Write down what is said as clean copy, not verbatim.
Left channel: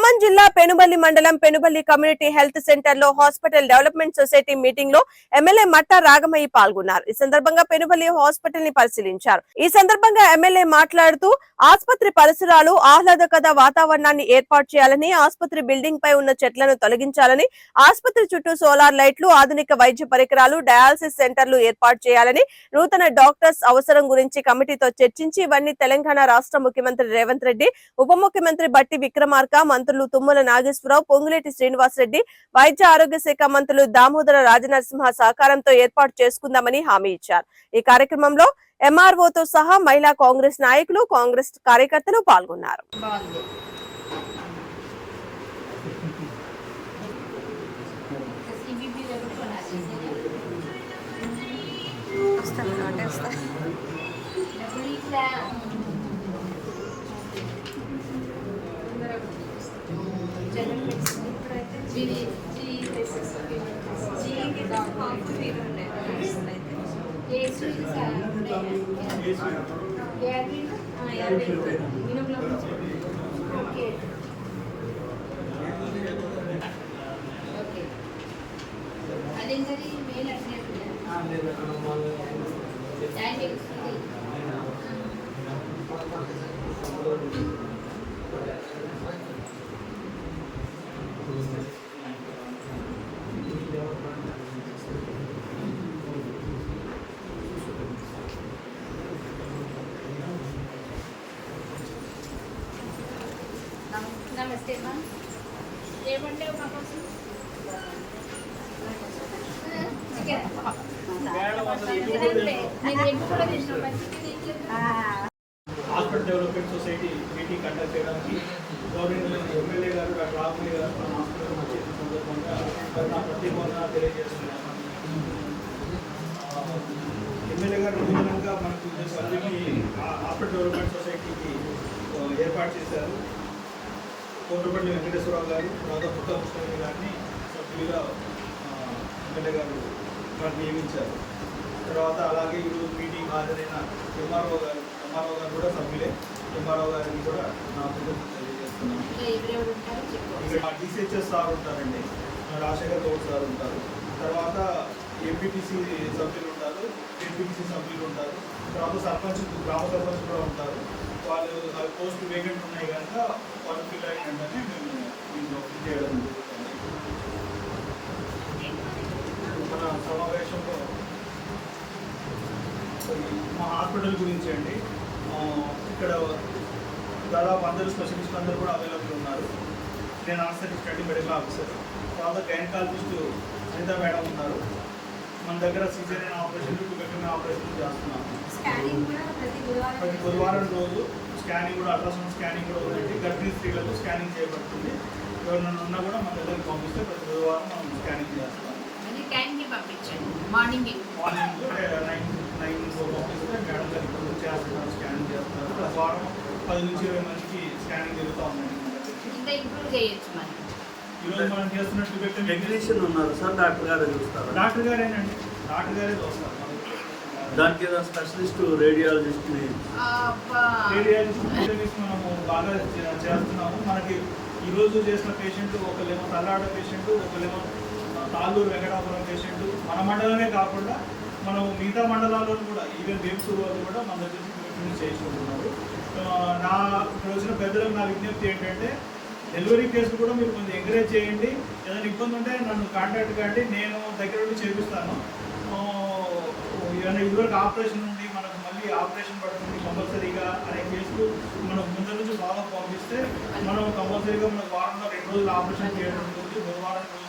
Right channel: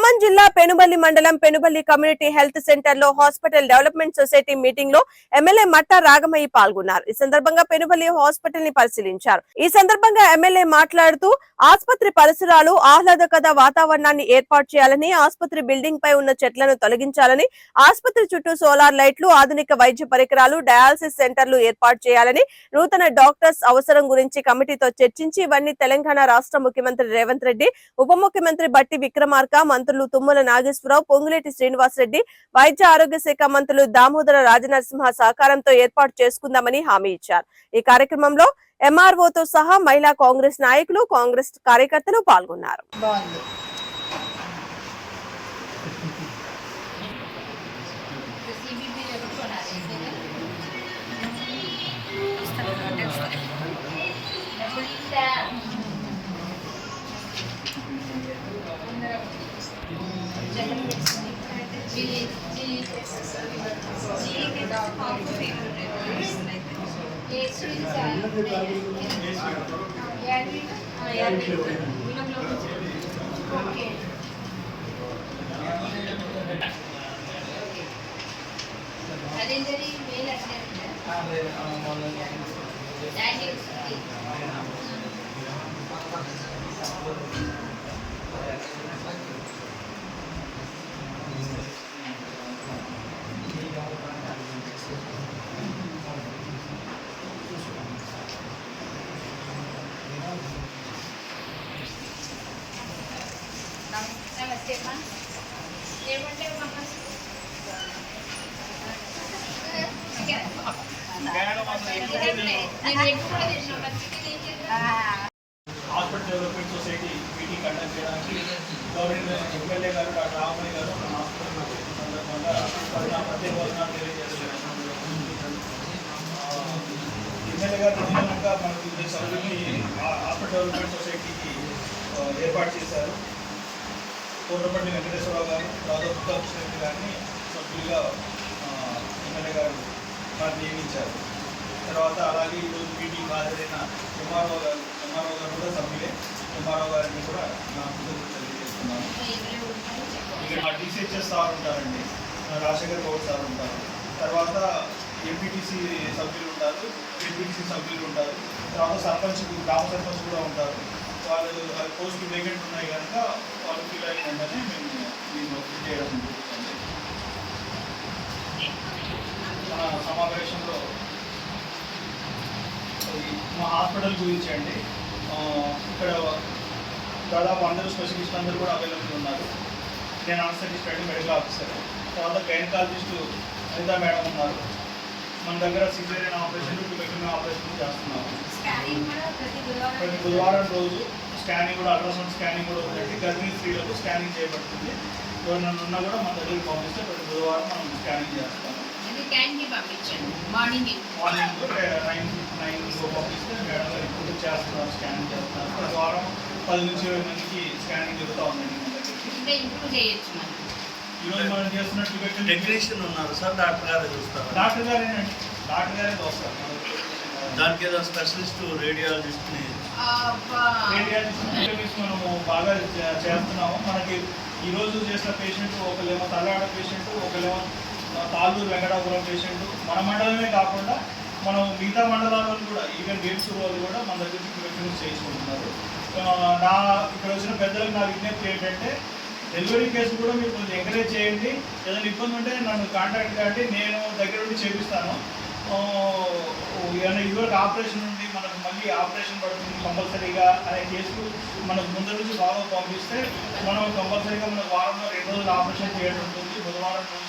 ఖమ్మం జిల్లా పెనుబల్లి మండలం Penuballi community health centre లో హాస్పిటల్ డెవలప్మెంట్ సొసైటీ మీటింగ్ లో ఎమ్మెల్యే మట్టా రాగమయ్య పాల్గొన్నారు. ఈ సందర్భంగా పెనుబల్లి హాస్పిటల్ ని పరిశీలించారు. ఈ సందర్భంగా ఎమ్మెల్యే మాట్లాడుతూ ఆసుపత్రి పరిసరాలు ఆహ్లాదకర వాతావరణాన్ని ఏర్పాటు చేయాలని, ఆసుపత్రి బిల్డింగ్ పై ఉన్న చెట్లను తొలగించాలని, ఆసుపత్రి చుట్టూ సోలార్ లైట్లు, ఆధునిక వైద్య పరికరాలు, డయాలసిస్ సెంటర్లు ఏర్పాటు చేయాలని, నూతన డాక్టర్స్ అవసరం గురించి కమిటీతో చర్చించి ఇవన్నీ తెలంగాణ రాష్ట్ర ముఖ్యమంత్రి రేవంత్ రెడ్డి, ఉప ముఖ్యమంత్రి బట్టి విక్రమార్క, మంత్రులు తుమ్మల నాగేశ్వరరావు, పొంగులేటి శ్రీనివాసరెడ్డి, వైద్య ఆరోగ్య శాఖ మంత్రులు దామోదర రాజనరసింహ సహకారంతో ఏర్పాటు చేసుకుందామని హామీ ఇచ్చారు. ఈ కార్యక్రమంలో ఎంఆర్ఓతో సహా మహిళా కాంగ్రెస్ నాయకులు, కాంగ్రెస్ కార్యకర్తలు పాల్గొన్నారు. नमस्ते मैम ఏమంటే మాకు hospital development society meeting conduct చేయడానికి గవర్నమెంట్ ఎమ్మెల్యే గారు డాక్టర్ రామయ్య గారు మన హాస్పిటల్ వచ్చిన సందర్భంగా నా ప్రత్యేక వందనాలు తెలియజేస్తున్నాను. ఎమ్మెల్యే గారు నూతనంగా మనకి సభ్యుల్ని హాస్పిటల్ డెవలప్మెంట్ సొసైటీకి ఏర్పాటు చేశారు. కోటపల్లి వెంకటేశ్వరరావు గారు, రాజా దుర్గాకృష్ణరెడ్డి గారిని సభ్యులుగా ఎమ్మెల్యే గారు మనకు నియమించారు. తర్వాత అలాగే ఈరోజు మీటింగ్ హాజరైన ఎంఆర్ఓ గారు కూడా సభ్యులే. ఎంఆర్ఓ గారికి కూడా నా కృతజ్ఞతలు తెలియజేస్తున్నాను. ఇక్కడ డిసిహెచ్ఎస్ సార్ ఉంటారండి, రాజశేఖర్ గౌడ్ సార్ ఉంటారు. తర్వాత ఎంపీటీసీ సభ్యులు ఉంటారు, ఎంపీటీసీ సభ్యులు ఉంటారు. తర్వాత సర్పంచ్, గ్రామ సర్పంచ్ కూడా ఉంటారు. వాళ్ళు పోస్ట్ వేకెంట్ ఉన్నాయి కనుక వాళ్ళు ఫిల్ అయిన వెంటనే మేము దీన్ని ఫిల్ చేయడం జరుగుతుంది. మన సమావేశంలో మా హాస్పిటల్ గురించి అండి, ఇక్కడ దాదాపు అందరూ స్పెషలిస్టులు అందరూ కూడా అవైలబుల్ ఉన్నారు. నేను ఆన్సర్ స్టడీ మెడికల్ ఆఫీసర్. తర్వాత గైనకాలజిస్టు అనిత మేడం ఉన్నారు. మన దగ్గర సిజేరియన్ ఆపరేషన్లు, ట్యూబెక్టమీ ఆపరేషన్లు చేస్తున్నాము. ప్రతి బుధవారం రోజు స్కానింగ్ కూడా, అల్ట్రాసౌండ్ స్కానింగ్ కూడా పెట్టి గర్భిణీ స్త్రీలకు స్కానింగ్ చేయబడుతుంది. ఎవరినైనా ఉన్నా కూడా మన దగ్గరికి పంపిస్తే ప్రతి బుధవారం మనం స్కానింగ్ చేస్తాం. మార్నింగ్ 9 పంపిస్తే మేడం గారు ఇప్పుడు చేస్తున్నారు, స్కానింగ్ చేస్తున్నారు. ప్రతి వారం 10 నుంచి 20 మందికి స్కానింగ్ జరుగుతూ ఉందండి మన దగ్గర. ఈరోజు మనం చేస్తున్నట్టు టెక్నీషియన్ ఉన్నారు సార్, డాక్టర్ గారే చూస్తారు. డాక్టర్ గారేనండి, డాక్టర్ గారే చూస్తారు. దానికి ఏదో స్పెషలిస్ట్ రేడియాలజిస్ట్ మనము బాగా చేస్తున్నాము. మనకి ఈరోజు చేసిన పేషెంట్ ఒకళ్ళేమో తల్లాడ పేషెంట్, ఒకళ్ళేమో తాళ్ళూరు వెంకటాపురం పేషెంట్. మన మండలమే కాకుండా మనం మిగతా మండలాల్లో కూడా, ఈవెన్ వేమ్స్ వాళ్ళు కూడా మన దగ్గర ట్రీట్మెంట్ చేయించుకుంటున్నారు. నా ఇక్కడ వచ్చిన పెద్దలకు నా విజ్ఞప్తి ఏంటంటే, డెలివరీ కేసు కూడా మీరు కొంచెం ఎంకరేజ్ చేయండి. ఏదైనా ఇబ్బంది ఉంటే నన్ను కాంటాక్ట్ కాండి, నేను దగ్గర ఉండి చేపిస్తాను. ఏమైనా ఇదివరకు ఆపరేషన్ ఉండి మనకు మళ్ళీ ఆపరేషన్ పడుతుంది కంపల్సరీగా అనే కేసులు మనకు ముందు నుంచి బాగా పంపిస్తే మనం కంపల్సరీగా మనకు వారంలో 2 రోజులు ఆపరేషన్ చేయడం ఉంటుంది. బుధవారం రోజు